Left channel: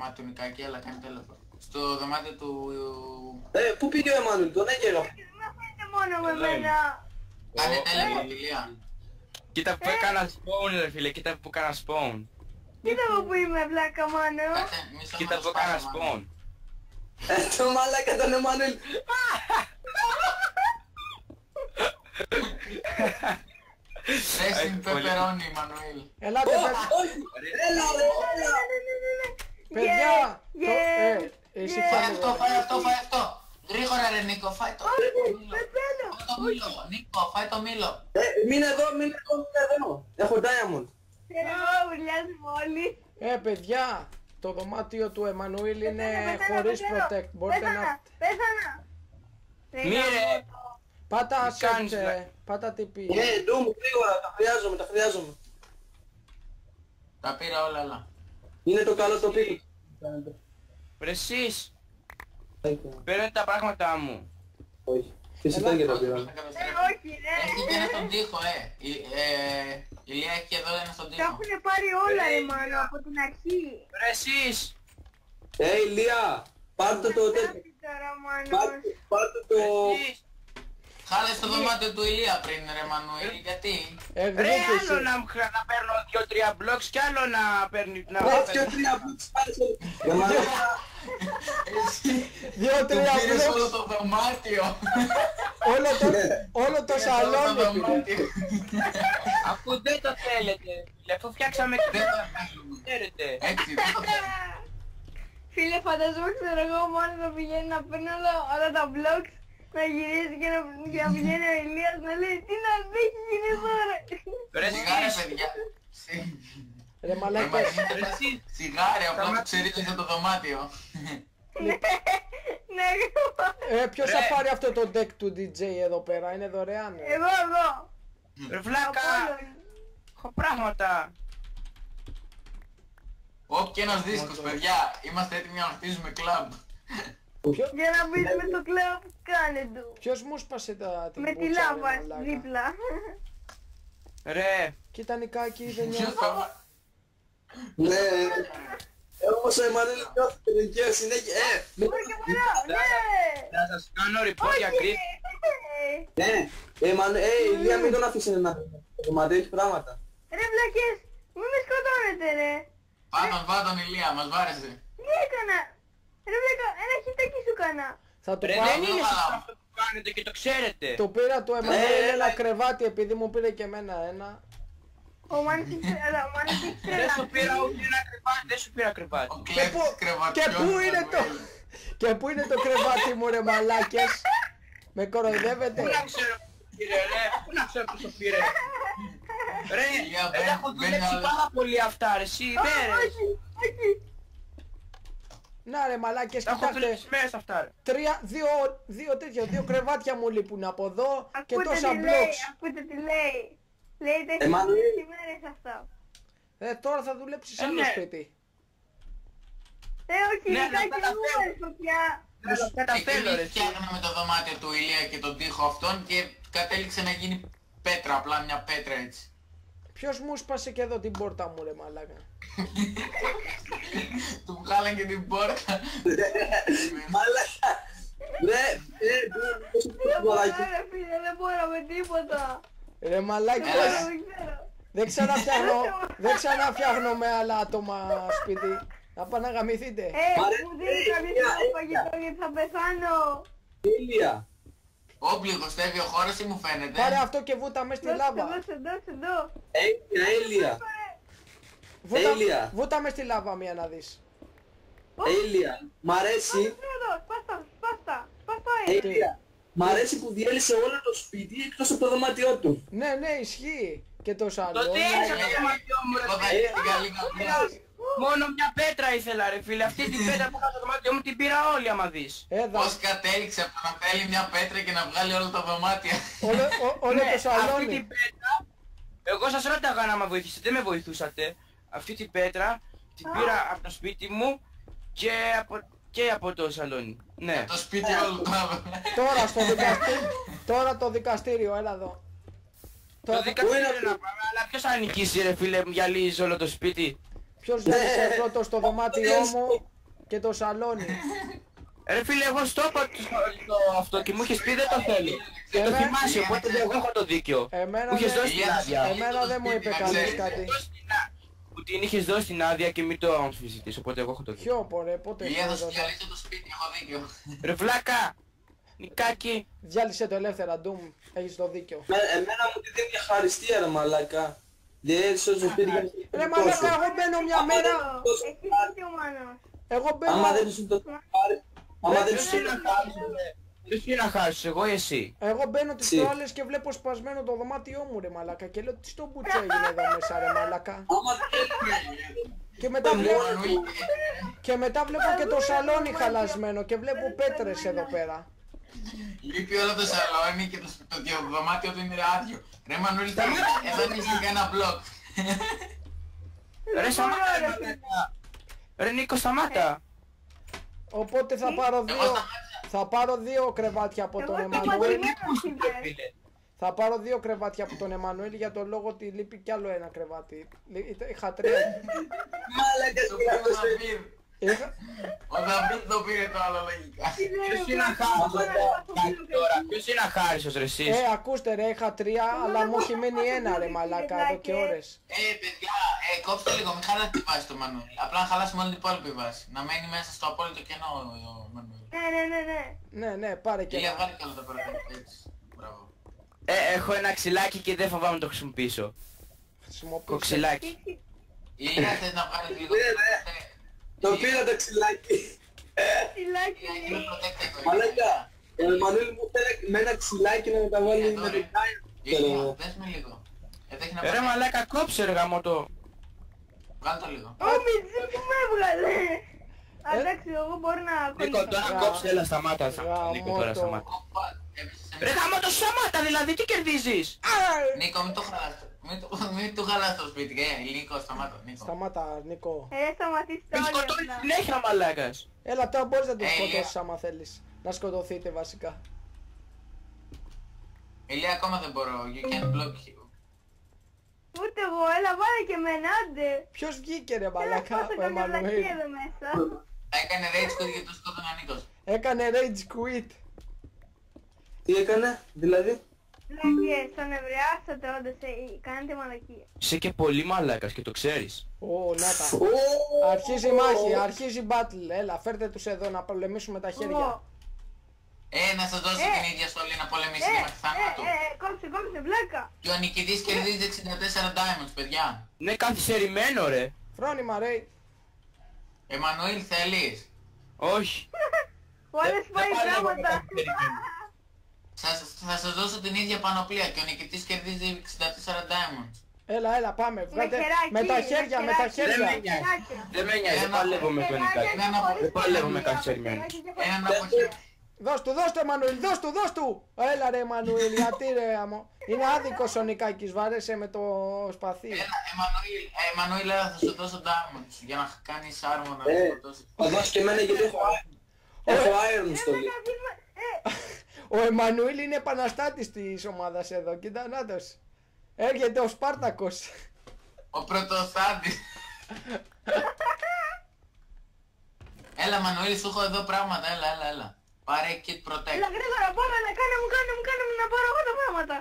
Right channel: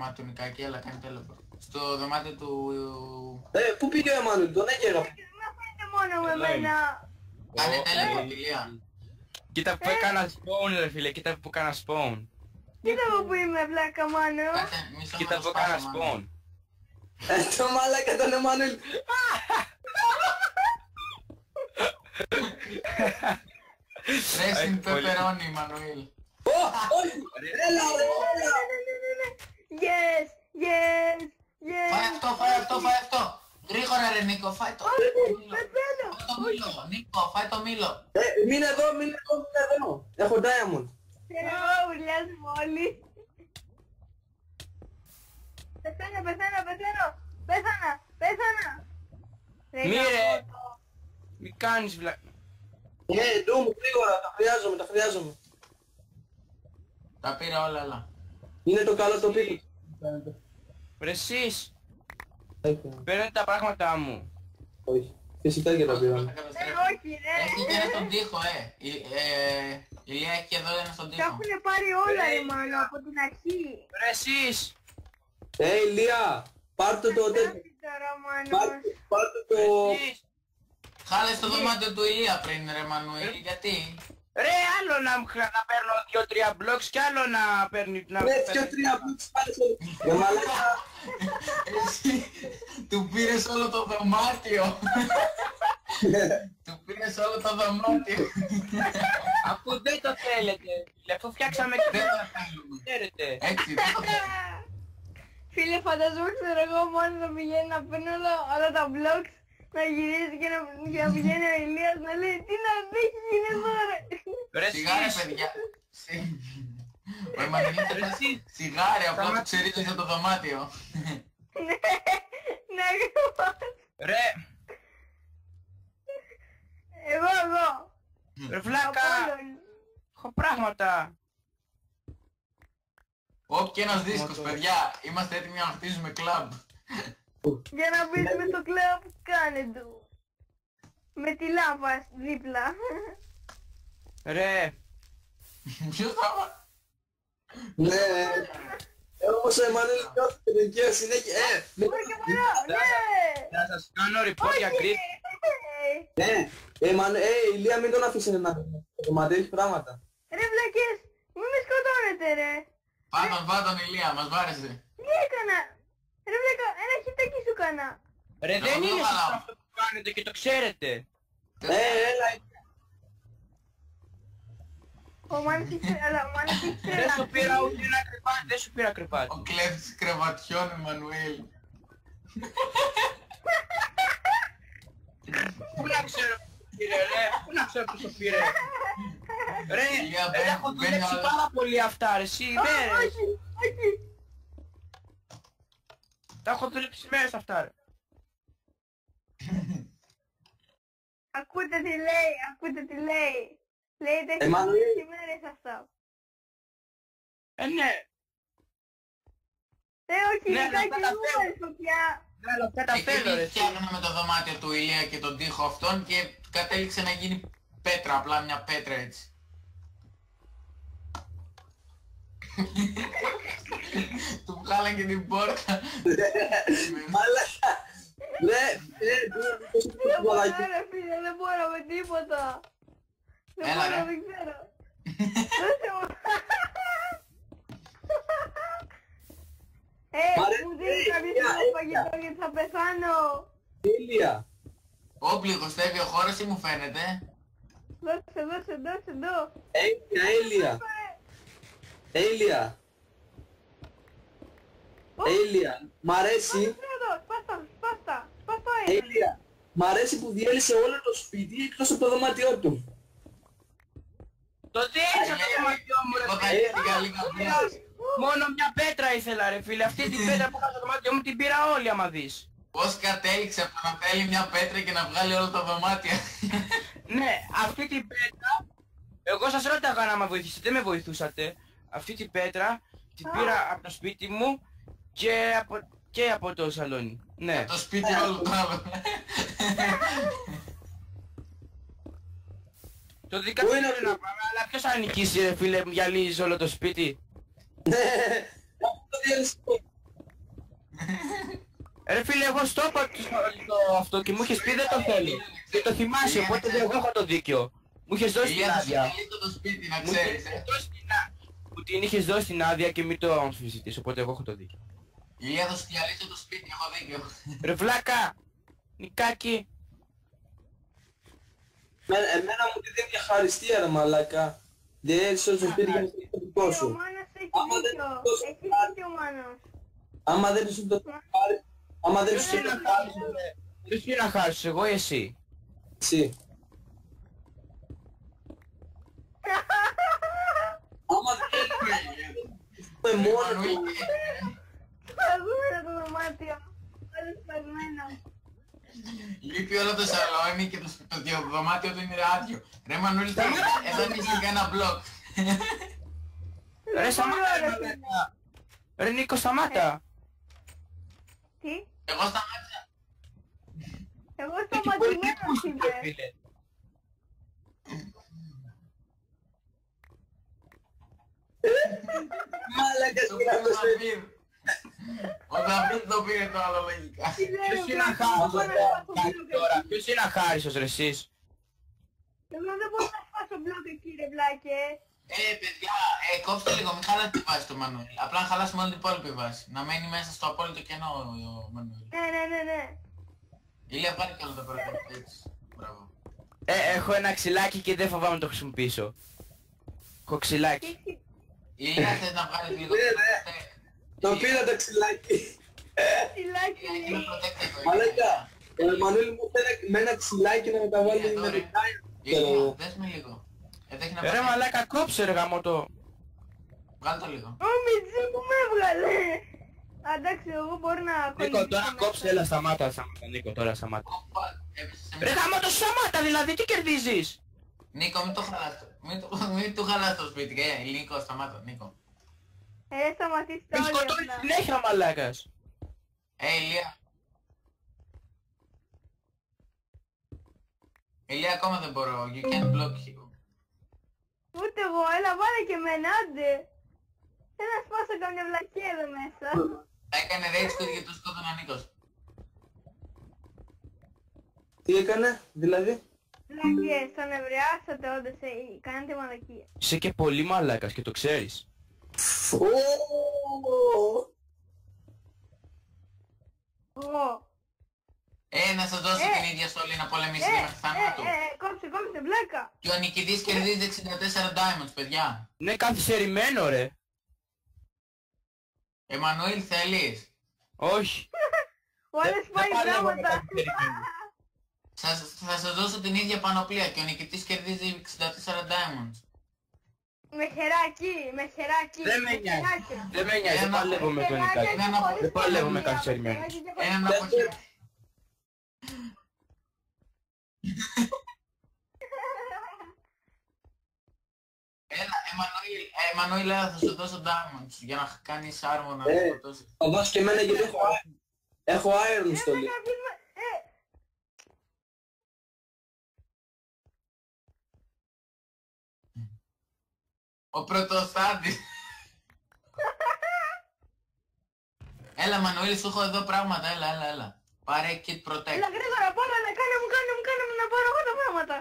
δωμάτιο του Νικάκη, έλα κάνει τέλεπορ. Στο δωμάτιο του... Πού πήγε ο Εμμανουήλ, τον έκαιγα. Με αφήνετε μόνο με εμένα. Κάνε τέλεπορ, Ηλία. Κοίτα που έκανα spawn ρε φίλε, κοίτα που έκανα spawn. Κοίτα εδώ που είμαι βλάκα μάνο. Κάτσε, μισό Κοίτα να που το έκανα σπάσω, μάλλον. spawn. Το μαλάκα τον Εμμανουήλ. Racing pepperoni, Μανουήλ. Ελάτε, Όχι, έλα ρε, έλα. παιδιά. Εσύ Φάει αυτό, φάει αυτό, φάει αυτό. Γρήγορα ρε Νίκο, φάει το μήλο. Πεθαίνω. Φάει το μήλο, Νίκο, φάει το μήλο. Μείνε εδώ, μείνε εδώ. Έχω diamond. Εγώ ουρλιάζουμε όλοι. παιδιά, το δωμάτιο του Εμμανουήλ είναι Πεθαίνω, χωρίς πεθαίνω. protect. Μπορείτε να... Πέθανα. Μη ρε. Πάτα Τι κάνεις, search, ρε. πάτα TP. Ντούμ, γρήγορα, τα χρειάζομαι. Τα πήρα όλα, έλα. Είναι το καλό το πίσω. Ρε εσείς, παίρνετε τα πράγματά μου. Όχι. Φυσικά και τα πήραμε. Όχι ρε. Έχει και ένα στον τοίχο, Ηλία έχει και εδώ ένα στον Τα τοίχο. έχουνε πάρει όλα ρε μάλλον από την αρχή. Ρε εσείς. Ηλία, πάρτε το τέτοιο. Τώρα μάλλον. Πάρτε το... Εσείς. Χάλε στο δωμάτιο του Ηλία πριν ρε Μανουήλ, γιατί? Ρε άλλο να παίρνω 2-3 blocks και άλλο να παίρνει... Και τρία μπουκς πάλι σε... Για μαλάκα. Του πήρες όλο το δωμάτιο. Όλο το Όλο το σαλόνι. δωμάτιο. Αφού δεν το θέλετε, αφού φτιάξαμε και Δεν τα θέλουμε. ξέρετε. Έτσι, δεν το θέλουμε. Φίλε φαντάζομαι ξέρω εγώ μόνο να πηγαίνει να παίρνει όλα τα blocks, να γυρίζει και να πηγαίνει ο Ηλίας να λέει τι να έχει γίνει εδώ ρε. Ρε Σιγά ρε εσείς. παιδιά. Ρε μαλάκα. Σιγάρε, απλά το ξερίζωσε το δωμάτιο. Ναι, Ποιος Ρε. θα πάρει αυτό το deck του DJ εδώ πέρα, είναι δωρεάν. εγώ. Ρε βλάκα. Έχω πράγματα. Όποιοι ένας δίσκος, παιδιά. Είμαστε έτοιμοι να χτίζουμε κλαμπ. Για να μπεις με το κλαμπ κάνε του. Ποιος μου σπάσε την Με τη μπούτσα, ρε λάβα μαλάκα. δίπλα. Ρε. Κοίτα Νικάκη, δεν Ποιος νιώθω. θα... Ναι. Όμως ο Εμμανουήλ νιώθει την δικαίωση συνέχεια. Μπορεί και μπορώ, ναι. Θα σας κάνω report για Όχι. creep. Ναι. Ηλία μην τον αφήσει να... Το δωμάτιο έχει πράγματα. Ρε βλακές, μη με σκοτώνετε ρε. Πάντων Ηλία, μας βάρεσε. Τι έκανα. Ρε βλακα, ένα χιτάκι σου κάνα. Θα το Ρε πάρω. δεν είναι καλά. σωστό αυτό που κάνετε και το ξέρετε. Το πήρα το Εμμανουήλ έλα. ένα κρεβάτι επειδή μου πήρε και εμένα ένα. Ο Μάνος ήξερε, αλλά ο Μάνος ήξερε. Δεν σου πήρα ούτε ένα κρεβάτι, δεν σου πήρα κρεβάτι. Ο κλέφτης Και κρεβατιών. πού είναι το... Μανουήλ. Και πού είναι το κρεβάτι μου ρε μαλάκες. Με κοροϊδεύετε. Πού να ξέρω ποιος το πήρε ρε, πού να ξέρω ποιος το πήρε. Ρε, Για ρε, έχω μπαίνει δουλέψει όλα. πάρα πολύ αυτά ρε, εσύ ναι ρε. Όχι, όχι. Να ρε μαλάκες, Τα έχω κοιτάξτε. δουλέψει μέρες αυτά ρε. Δύο κρεβάτια μου λείπουν από εδώ και Ακούτε τόσα τι λέει, blocks. ακούτε τι λέει. Λέει τα έχει Εμμανουήλ. δουλέψει μέρες αυτά. Τώρα θα δουλέψεις Ε, άλλο ναι. σπίτι. Όχι, Ναι, Νικάκη, αυτά τα δεν μου θέλω. άρεσε πια. Ρε, αυτά τα θέλω ρε. Εμείς φτιάχναμε το δωμάτιο του Ηλία και τον τοίχο αυτόν και κατέληξε να γίνει πέτρα, απλά μια πέτρα έτσι. Ποιος μου σπάσε και εδώ την πόρτα μου ρε μαλάκα. Του βγάλαν και την πόρτα. Μαλάκα. Ρε, Δεν μπορώ ρε φίλε, δεν μπορώ με τίποτα. Ρε μαλάκα. Έλα, Δεν ξέρω. Δεν ξαναφτιάχνω με άλλα άτομα σπίτι. Να πάνε να γαμηθείτε. Μου δίνει κάποιος άλλο φαγητό γιατί θα πεθάνω. Ηλία. Όπλη κοστεύει ο χώρος ή μου φαίνεται. Πάρε αυτό και βούτα μες στη Δώσε, λάβα. δώσε, εδώ. Ηλία. Έλια. Βούτα μες στη λάβα μία να δεις. Έλια. Μ' αρέσει. Σπάστα. Έλια. Μ' αρέσει που διέλυσε όλο το σπίτι εκτός από το δωμάτιό του. Ναι, ισχύει. Και το άλλο. Το τι έχεις αυτό το μάτιο μου ρε Εγώ θα φίλε. έρθει την καλή καμπιά. Μόνο μια πέτρα ήθελα ρε φίλε, αυτή την πέτρα που είχα στο δωμάτιο μου την πήρα όλη άμα δεις. Πώς κατέληξε από το να θέλει μια πέτρα και να βγάλει όλα τα δωμάτια. Όλο Ναι, το αυτή σαλόνι. την πέτρα, εγώ σας ρώταγα να με βοηθήσετε, δεν με βοηθούσατε. Αυτή την πέτρα την πήρα από το σπίτι μου και από το σαλόνι. Ναι. Το σπίτι όλο το άλλο. Τώρα στο δικαστήριο. Τώρα το δικαστήριο, έλα εδώ. Το δικαστήριο να πάμε, αλλά ποιος θα νικήσει ρε φίλε, μου γυαλίζει όλο το σπίτι. Ποιος διάλυσε πρώτο στο δωμάτιό μου και το σαλόνι? Ρε φίλε, εγώ στο είπα το αυτό και μου είχες πει δεν το θέλω. Και το θυμάσαι, οπότε εγώ έχω το δίκιο. Εμένα Μου είχες δεν- δώσει την άδεια. Εμένα δεν μου είπε Να κανείς ξέρεις. κάτι. Που την είχες δώσει την άδεια και μην το αμφισβητείς, οπότε εγώ έχω το δίκιο. Ποιο πορε, πότε Ηλία, θα το σου έδωσα? διαλύσω το σπίτι, έχω δίκιο. Ρε βλάκα! Νικάκι! Διάλυσε το ελεύθερα, Ντουμ. Έχεις το δίκιο. Εμένα μου τη δίνει μια χαριστία ρε μαλάκα. Διέλυσε όσο σπίτι για να Ρε το μαλάκα, τόσο. εγώ μπαίνω μια μέρα. Έχει δίκιο ο Μάνος. Εγώ Άμα μπαίνω. δεν σου το πάρει, άμα δεν Ποιος σου είναι το να χάσεις, ποιος είναι να χάσεις, εγώ ή εσύ? Εγώ μπαίνω τις Τσι. προάλλες και βλέπω σπασμένο το δωμάτιό μου ρε μαλάκα και λέω τι στον μπουτσό έγινε εδώ μέσα ρε μαλάκα. άμα Και μετά βλέπω, και μετά βλέπω και το σαλόνι χαλασμένο και βλέπω πέτρες εδώ πέρα. Λείπει όλο το σαλόνι και το δωμάτιο του είναι άδειο. Ρε Μανούλη, εδώ είναι σε ένα μπλοκ. Ρε σταμάτα ρε μαλάκα! Ρε Νίκο σταμάτα! Οπότε θα πάρω Εγώ δύο, σταμάτησα. θα πάρω δύο κρεβάτια από τον Εγώ Εμμανουέλ. σταματημένος είμαι. Φίλε. Θα πάρω δύο κρεβάτια από τον Εμμανουέλ για τον λόγο ότι λείπει κι άλλο ένα κρεβάτι. Είχα τρία. μαλάκα Το πήρε ο Δαβίδ. Είχα- Ο Δαβίδ το πήρε το άλλο λογικά. Ποιος είναι τώρα, ποιος είναι αχάριστος ρε εσείς? ακούστε ρε, είχα τρία, αλλά μου έχει μείνει ένα ρε μαλάκα εδώ και ώρες. Παιδιά, κόψτε λίγο, μην χαλάτε τη βάση του Μανουέλ. Απλά να χαλάσουμε όλη την υπόλοιπη βάση. Να μένει μέσα στο απόλυτο κενό ο Μανουέλ. Ναι. Ναι, πάρε και Ηλία, ένα. βάλει κι άλλο το πρώτο. Έτσι. Μπράβο. Έχω ένα ξυλάκι και δεν φοβάμαι να το χρησιμοποιήσω. Χρησιμοποιήσω. Κοξυλάκι. Ηλία, θες να βγάλεις λίγο Ναι, το ναι. protect. το πήρα το ξυλάκι. Τιλάκι Ηλία, είναι protect εδώ, Μαλάκα, Ηλία. ο Εμμανουέλ μου θέλει με ένα ξυλάκι να μεταβάλει Εδώ, με ρε. το κάι. Ηλία, δες με λίγο. Εδώ έχει να Ρε πάρει. μαλάκα κόψε ρε γαμώτο. Βγάλ' το λίγο. Ο Μιτζή που με έβγαλε. Εντάξει, εγώ μπορώ να Νίκο τώρα κολλήσω. κόψε, έλα σταμάτα. Νίκο τώρα Γαμώτο. σταμάτα. Οπα, έπεσε σε Ρε μια- γαμώτο σταμάτα δηλαδή, τι κερδίζεις? Νίκο, μην το χαλάς. Μην του χαλάς το σπίτι. Νίκο, σταμάτα, Νίκο. Σταμάτα, Νίκο. Σταματήστε Με όλοι σκοτώνει αυτά. συνέχεια μαλάκας. Έλα, τώρα μπορείς να το Ηλία. σκοτώσεις άμα θέλεις. Να σκοτωθείτε βασικά. Ηλία, ακόμα δεν μπορώ. You can't block you. Ούτε εγώ, έλα βάλε και εμένα, άντε. Ποιος βγήκε ρε Έλα μαλάκα, σπάσα ο καμιά βλακία Εμμανουέλ. εδώ μέσα. Έκανε rage quit γιατί το σκότωνε ο Νίκος. Έκανε rage quit. Τι έκανε, δηλαδή? Βλακίες, τον ευρεάσατε όντως, κάνετε μαλακία. Είσαι και πολύ μαλάκας και το ξέρεις. Ω, να τα. Ω, Αρχίζει η μάχη, αρχίζει η battle. Έλα, φέρτε τους εδώ να πολεμήσουμε τα χέρια. Εγώ. Να σας δώσω την ίδια στολή να πολεμήσετε μέχρι θάνατο. Κόψε, βλάκα. Και ο νικητής κερδίζει 64 diamonds, παιδιά. Ναι, καθυστερημένο ρε. Φρόνημα ρε. Εμμανουήλ, θέλεις? Όχι. Ο άλλος πάει Δεν παλεύω με πράγματα. καθυστερημένο. Θα σας δώσω την ίδια πανοπλία και ο νικητής κερδίζει 64 diamonds. Έλα, πάμε. Με χεράκι, με τα χέρια, με τα χεράκι. Δεν με χέρια. νοιάζει. Δεν με νοιάζει, δεν παλεύω με τον Νικάκη. Δεν παλεύω με καθυστερημένο. Έναν από χέρι. Δώσ' του, Εμμανουήλ, δώσ' του. Έλα ρε Εμμανουήλ, γιατί ρε αμο. Είναι άδικος ο Νικάκης, βάρεσε με το σπαθί. Έλα, Εμμανουήλ, έλα, θα σου δώσω diamonds για να κάνεις άρμο να σκοτώσεις. θα δώσει και εμένα γιατί έχω iron στολή. Ο Εμμανουήλ είναι επαναστάτης της ομάδας εδώ, κοίτα νάτος. Έρχεται ο Σπάρτακος. Ο πρωτοστάτης. Έλα, Εμμανουήλ, σου έχω εδώ πράγματα, έλα. Πάρε kit protect. Έλα γρήγορα, πάμε να κάνε μου να πάρω εγώ τα πράγματα.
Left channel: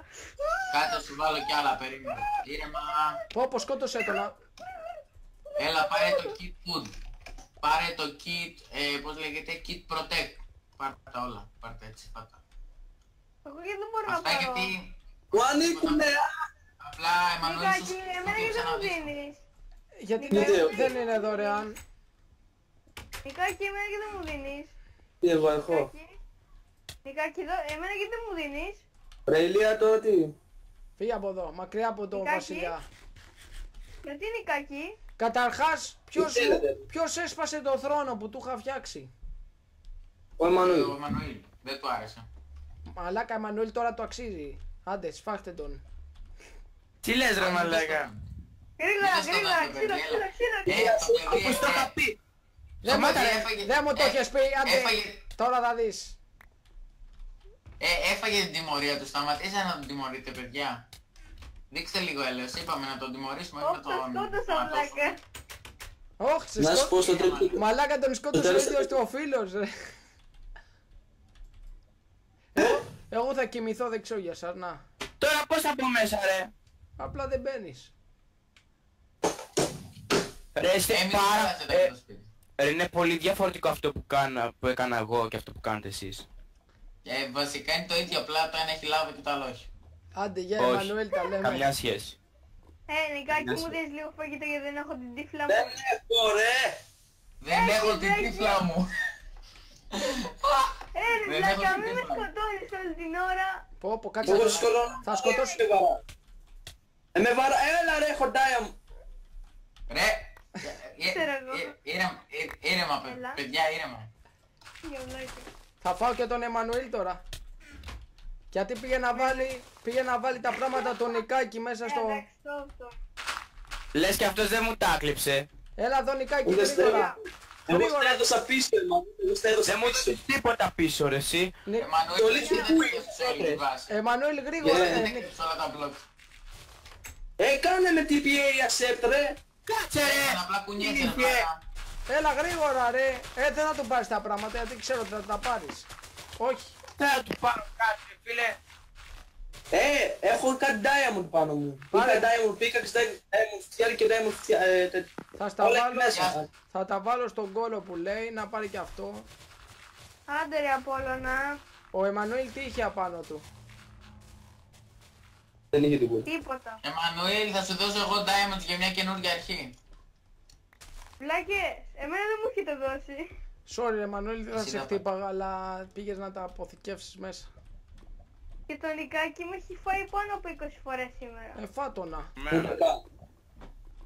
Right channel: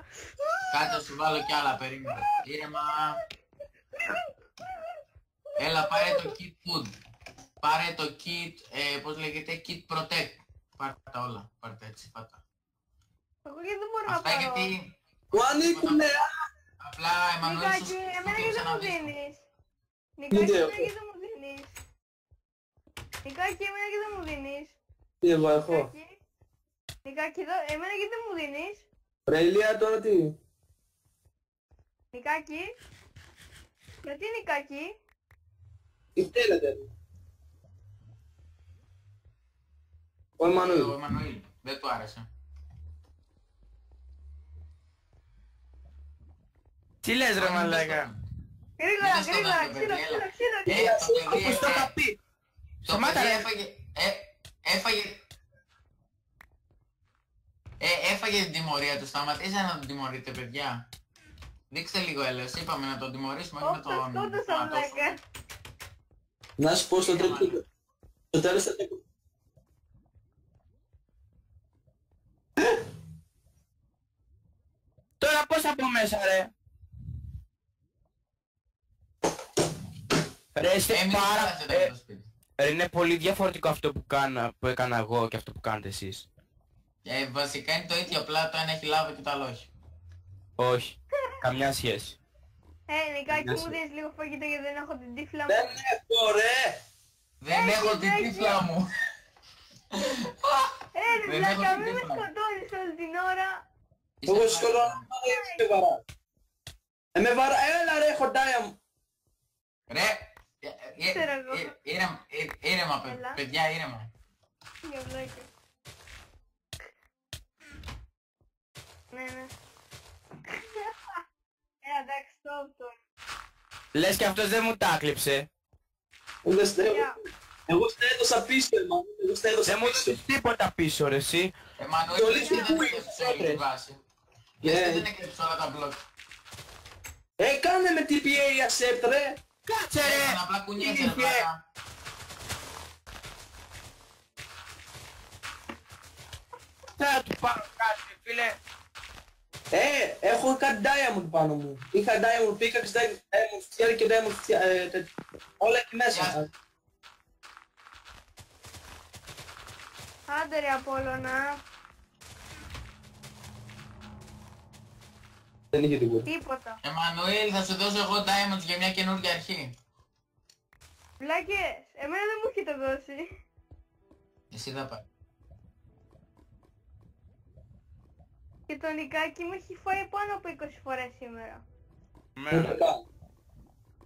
Κάτσε, σου βάλω κι άλλα, περίμενε. Ήρεμα. Πω, σκότωσε το. Έλα, πάρε το kit food. Πάρε το kit, πώς λέγεται, kit protect. Πάρε τα όλα, πάρε τα έτσι, πάτα. Εγώ γιατί δεν μπορώ να Αυτά πάρω. γιατί, Μου ανήκουνε! απλά, Εμμανουήλ, Νικάκη, εμένα γιατί δεν μου δίνεις. Γιατί Νικάκη. δεν είναι δωρεάν. Νικάκη, εμένα γιατί δεν μου δίνεις. Τι εγώ έχω. Νικάκη, εμένα γιατί δεν μου δίνεις. Ρε Ηλία τώρα τι. Φύγε από εδώ, μακριά από τον Νικάκη. βασιλιά. Γιατί Νικάκη. Καταρχάς, Τι θέλετε? ποιος έσπασε το θρόνο που του είχα φτιάξει. Ο Εμμανουήλ. ο Εμμανουήλ, δεν του άρεσε. Μαλάκα Εμμανουήλ τώρα το αξίζει. Άντε, σφάχτε τον. Τι λες ρε μαλάκα. Γρήγορα, Μην το γρήγορα, σκοτώνεις, ξύλο, παιδιά, ξύλο, έλα. ξύλο. Το παιδί, Όπως το είχα πει. Σταμάτα ρε. Δεν μου το έχεις πει, άντε. Έφαγε, Τώρα θα δεις. έφαγε την τιμωρία του, σταματήστε να τον τιμωρείτε, παιδιά. Δείξτε λίγο έλεος, είπαμε να τον τιμωρήσουμε, όχι να Όπα, τον... σκότωσα να τον- βλάκα. Όχι, σε Να σου πω στο τρίτο. Μαλάκα τον σκότωσε ο τέλος ίδιος θα- του ο φίλος, ρε. Εγώ θα κοιμηθώ δεξιό για σας, να. Τώρα πώς θα πω μέσα ρε. Απλά δεν μπαίνεις. Ρε είστε Εμείς πάρα... πέρασε το σπίτι. Ρε είναι πολύ διαφορετικό αυτό που έκανα εγώ και αυτό που κάνετε εσείς. Βασικά είναι το ίδιο, απλά το ένα έχει λάβει και το άλλο όχι. Άντε, γεια, Όχι, Εμμανουέλ, τα λέμε. καμιά σχέση. Νικάκι μου δίνεις λίγο φαγητό γιατί δεν έχω την τύφλα μου. Δεν έχω ρε. Δεν έχω την έχει. τύφλα μου. Ρε Δεν βλάκα, έχω μην με τίποτα. σκοτώνεις όλη την ώρα. Πω, κάτσε. Εγώ σκοτώ. Θα σκοτώσω. Με βαρά. Με βαρά. Έλα ρε, έχω ντάια μου. Ρε, Ξέρω εγώ. ήρεμα Έλα. παιδιά, ήρεμα. Για βλάκα. Θα φάω και τον Εμμανουήλ τώρα. Γιατί πήγε να βάλει τα πράγματα τον Νικάκι μέσα στο... Εντάξει, το. Λες και αυτός δεν μου τα κλείψε. Έλα εδώ Νικάκι, Ούτε στέλνω. γρήγορα. Εγώ στα έδωσα πίσω, εγώ στα έδωσα Δεν μου πίσω. έδωσες τίποτα πίσω ρε εσύ. Εμμανουήλ, Το δεν λύσι είναι που σε όλη τη βάση. Εμμανουήλ, γρήγορα. Yeah. Δεν έκλειψε όλα τα μπλοκ. Κάνε με TPA accept ρε. Κάτσε ρε. Απλά κουνιέται ρε ηλίθιε. πλάκα. Έλα γρήγορα ρε. Δεν θα του πάρεις τα πράγματα γιατί ξέρω ότι θα τα πάρεις. Όχι. Θα του πάρω κάτι φίλε. Έχω κάτι diamond πάνω μου. Πάρε. Είχα diamond pickaxe, diamond φτιάρι και diamond φτιάρι. Θα στα Όλα εκεί βάλω, μέσα. θα τα βάλω στον κόλο που λέει να πάρει και αυτό. Άντε ρε Απόλλωνα. Ο Εμμανουήλ τι είχε απάνω του. Δεν είχε τίποτα. Τίποτα. Εμμανουήλ, θα σου δώσω εγώ diamonds για μια καινούργια αρχή. Βλάκες, εμένα δεν μου έχετε δώσει. Sorry Εμμανουήλ, δεν θα Εσύ σε τα χτύπαγα αλλά πήγες να τα αποθηκεύσεις μέσα. Και το Νικάκι με έχει φάει πάνω από 20 φορές σήμερα. Φάτονα.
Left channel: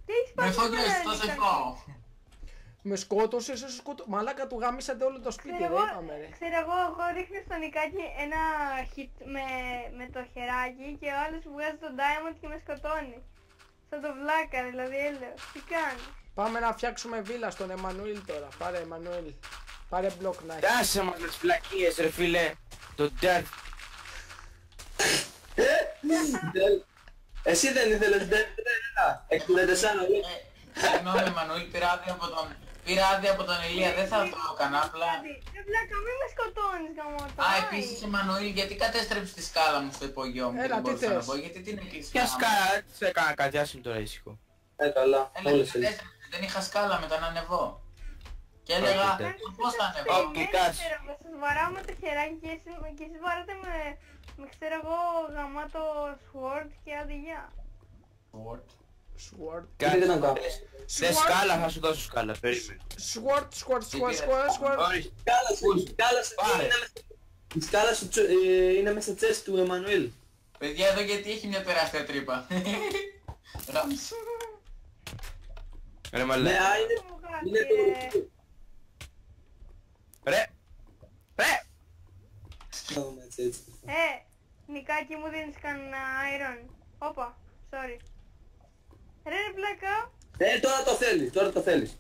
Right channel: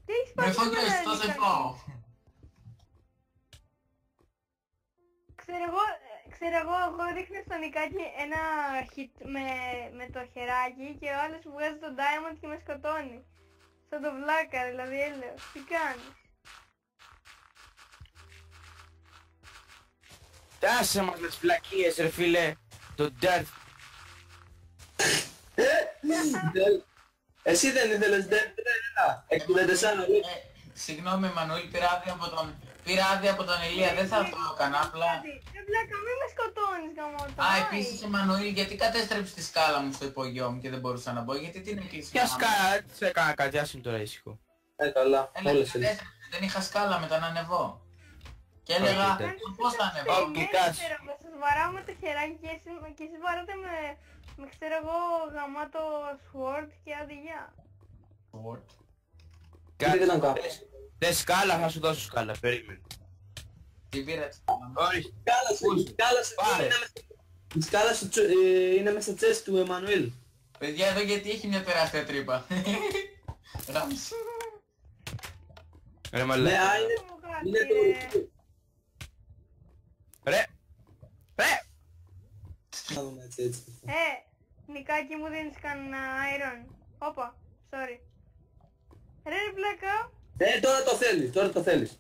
Τι έχεις Με πάθει φόντρες, σήμερα, θα σε Νικάκι? φάω. Με σκότωσες, σε σκότω... Μαλάκα του γαμίσατε όλο το σπίτι, Ξέρω δεν εγώ, είπαμε ρε. εγώ ρίχνω στο Νικάκι ένα hit με το χεράκι και ο άλλος μου βγάζει τον diamond και με σκοτώνει. Σαν το βλάκα, δηλαδή έλεος. Τι κάνει? Πάμε να φτιάξουμε βίλα στον Εμμανουήλ τώρα. Πάρε Εμμανουήλ. Πάρε μπλοκ να έχει. Κάσε μας με τις φλακίες ρε φίλε. Το dirt. Εσύ δεν ήθελες δεν 64 Συγγνώμη Εμμανουήλ, πήρα άδεια από τον Ηλία, δεν θα το έκανα απλά. Ρε βλάκα, μην με σκοτώνεις γαμώτα. Α, επίσης Εμμανουήλ, γιατί κατέστρεψε τη σκάλα μου στο υπόγειό μου και Έλα, δεν τι μπορούσα να θες? μπω, γιατί την έκλεισε. Ποια σκάρα, τι έκανα κάτι, άσε μου τώρα ήσυχο. καλά, Έλα, όλες και είναι. κατέστρεψε, δεν είχα σκάλα μετά να ανεβώ. Και έλεγα, Όχι, πώς θα ανεβώ. Ω, και κάτσε. Σας βαράω με το χεράκι και εσείς βαράτε με ξέρω εγώ γαμάτο sword και άντε γεια. Sword. Τι να κάνω. Δε σκάλα, θα σου δώσω σκάλα, περίμενε. Sword. Ορίστε. Πάρε. Η σκάλα σου είναι μέσα στο chest του Εμμανουήλ. Παιδιά εδώ γιατί έχει μια τεράστια τρύπα. Ράμς. Ρε Ναι, μαλάκα. είναι το... Ρε. Ρε. Να δούμε έτσι. Νικάκι μου δίνεις κανένα iron. Όπα, sorry. Ρε βλάκα. Τώρα το θέλεις.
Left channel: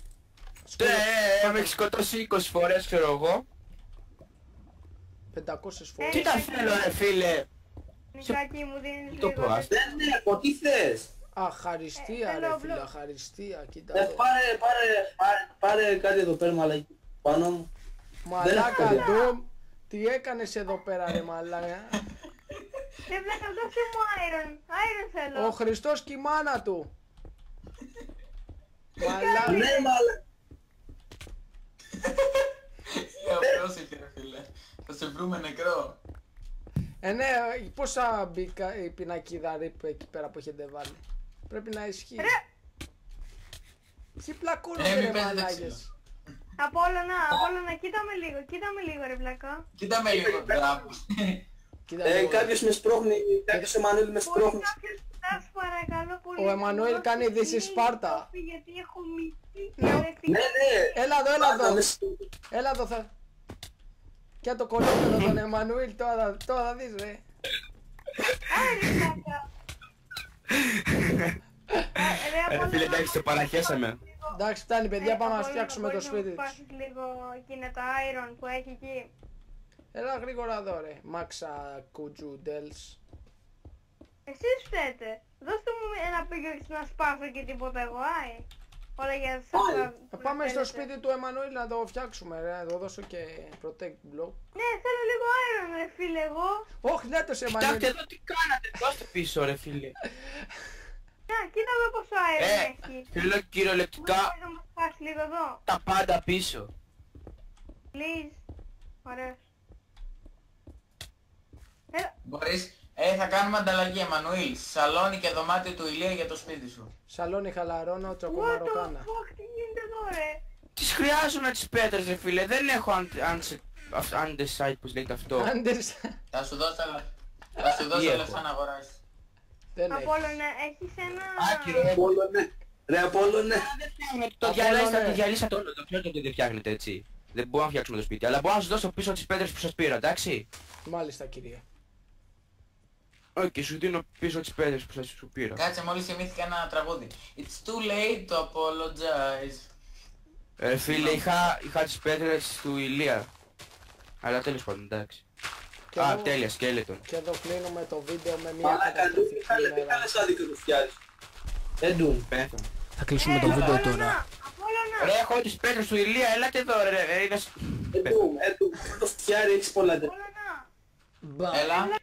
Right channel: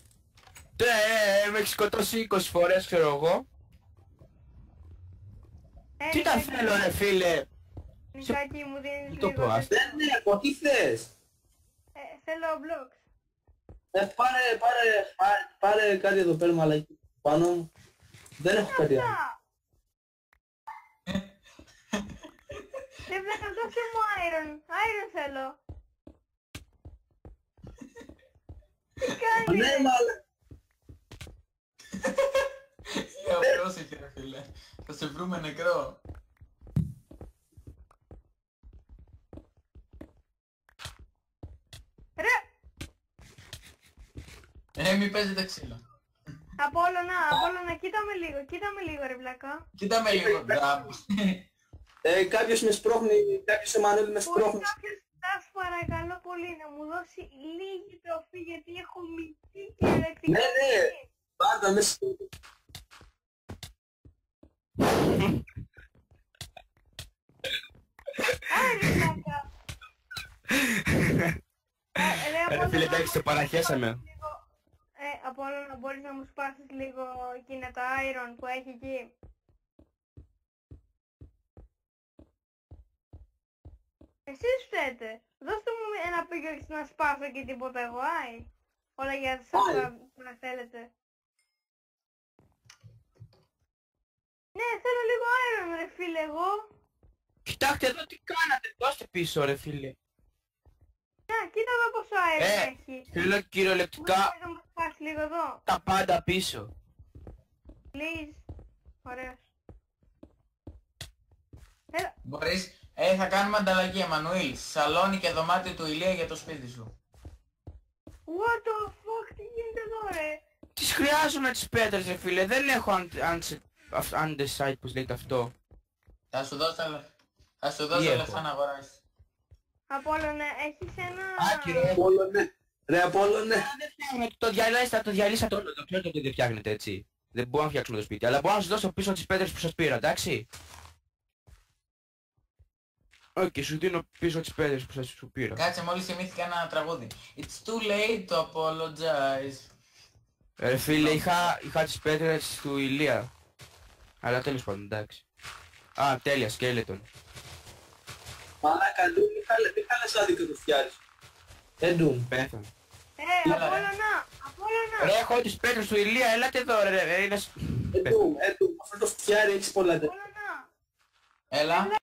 Με έχει σκοτώσει 20 φορές ξέρω εγώ. 500 φορές. Τι τα θέλω ρε φίλε. Νικάκι μου δίνεις Το λίγο. πω, ας. Δεν έχω, τι θες. Αχαριστία θέλω ρε φίλε, μπλοκ. αχαριστία. Κοίτα εδώ. Πάρε κάτι εδώ πέρα μαλάκι. Πάνω μου. δεν έχω Μαλάκα κάτι. του. Τι έκανες εδώ πέρα ρε μαλάκα. Ρε βλάκα, δώσε μου iron. Iron θέλω. Ο Χριστός και η μάνα του. Ναι, μαλάκι. Πρόσεχε ρε φίλε. Θα σε βρούμε νεκρό. Ναι, πόσα μπήκα η πινακίδα ρίπ εκεί πέρα που έχετε βάλει. Πρέπει να ισχύει. Τι πλακούνε Μην ρε παίζετε μαλάκες. ξύλο. Απόλλωνα, κοίτα με λίγο ρε βλάκα. Κοίτα με λίγο, μπράβο. Κοίτα λίγο. Κάποιος με σπρώχνει, κάποιος Εμμανουήλ με Μπορεί σπρώχνει. κάποιος σας παρακαλώ πολύ. Ο Εμμανουήλ να μου κάνει δώσει this is link Sparta. κόφι, γιατί έχω μυθεί και αρετικά. Ναι, Έλα εδώ, Πάντα με Έλα εδώ θα... Κι το κολλήσω τον Εμμανουήλ τώρα θα δεις ρε. Άρε βλάκα. Ρε φίλε εντάξει το παραχέσαμε. Εντάξει φτάνει παιδιά, πάμε να φτιάξουμε το σπίτι Μπορείς να τους. μου πάθεις λίγο εκείνα τα iron που έχει εκεί. Έλα γρήγορα εδώ ρε, Μάξα Κουτζούντελς. Εσείς φταίτε. Δώστε μου ένα πίγιο να σπάσω και τίποτα εγώ, άι. Όλα για Θα πάμε στο σπίτι του Εμμανουήλ να το φτιάξουμε ρε, να το δώσω και protect block. Ναι, θέλω λίγο iron ρε φίλε εγώ. Όχι, δεν το σε Κοιτάξτε Εμμανουήλ. εδώ τι κάνατε, δώστε πίσω ρε φίλε. Να, κοίτα εδώ πόσο iron έχει. Θέλω κυριολεκτικά Μπορείς να μου σπάσει λίγο εδώ. τα πάντα πίσω. Please. Ωραίος. Μπορείς, θα κάνουμε ανταλλαγή, Εμμανουήλ. Σαλόνι και δωμάτιο του Ηλία για το σπίτι σου. Σαλόνι χαλαρώνω, What the τσοκομαροκάνα. fuck, τι γίνεται εδώ ρε. Τις χρειάζομαι τις πέτρες ρε φίλε, δεν έχω undecide πως λέγεται αυτό. Άντερς. Θα σου δώσω λεφτά να αγοράσεις. Δεν έχει. Απόλλωνε, έχεις ένα... Άκυρο. Απόλλωνε. Ρε Απόλλωνε. Το διαλύσατε όλο, το ξέρετε ότι δεν φτιάχνετε έτσι. Δεν μπορούμε να φτιάξουμε το σπίτι, αλλά μπορώ να σας δώσω πίσω τις πέτρες που σας πήρα, εντάξει. Μάλιστα κυρία. Όχι, και σου δίνω πίσω τις πέτρες που σας σου πήρα. Κάτσε, μόλις θυμήθηκα ένα τραγούδι. It's too late to apologize. Ρε φίλε, είχα τις πέτρες του Ηλία. Αλλά τέλος πάντων, εντάξει. Και Α, εδώ- τέλεια, σκέλετον. Και εδώ κλείνουμε το βίντεο με μια... Μαλάκα, μην κάνεις άδικο το φτιάρεις. Εντούν. Πέθανε. Θα κλείσουμε το βίντεο τώρα. Απόλλωνα, Απόλλωνα. Ρε, έχω τις πέτρες του Ηλία, έλατε εδώ ρε. Εντούν. Αυτό το φτιάρι έχεις πολλά τέτοια. Απόλλωνα. Μπα. Έλα.